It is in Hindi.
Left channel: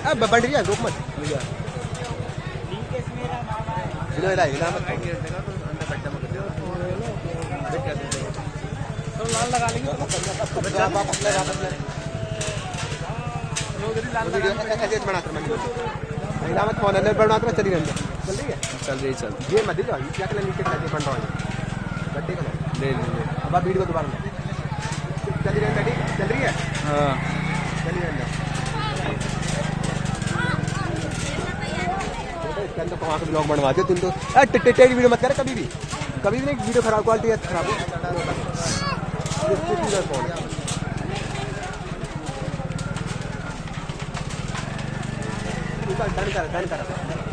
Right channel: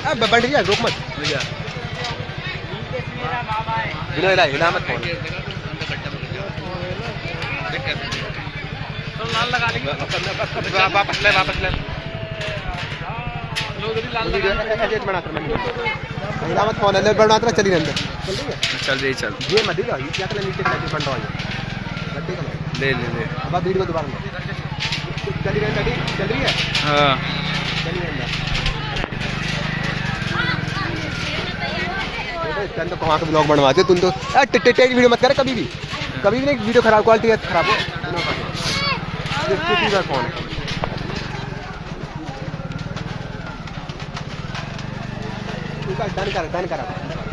अब बंद गया रुक मत भैया बिना हिला मत फोन तो लाल लगा लेंगे वापस ले लोग लाल लगा हिला मत फोन ले बढ़ना तो चली रहने चल रही चल ये मत दिला ये क्या कर नीचे लगे बंद वाला गड्ढे का ले अब वीडियो दोबारा चली रही है हाँ चली रही है तो वहाँ तो ब्लॉग बनवाते तुम तो टेढ़ी वीडियो मत करे कभी भी नहीं वीडियो खराब क्वालिटी खराब है फोन है डन कर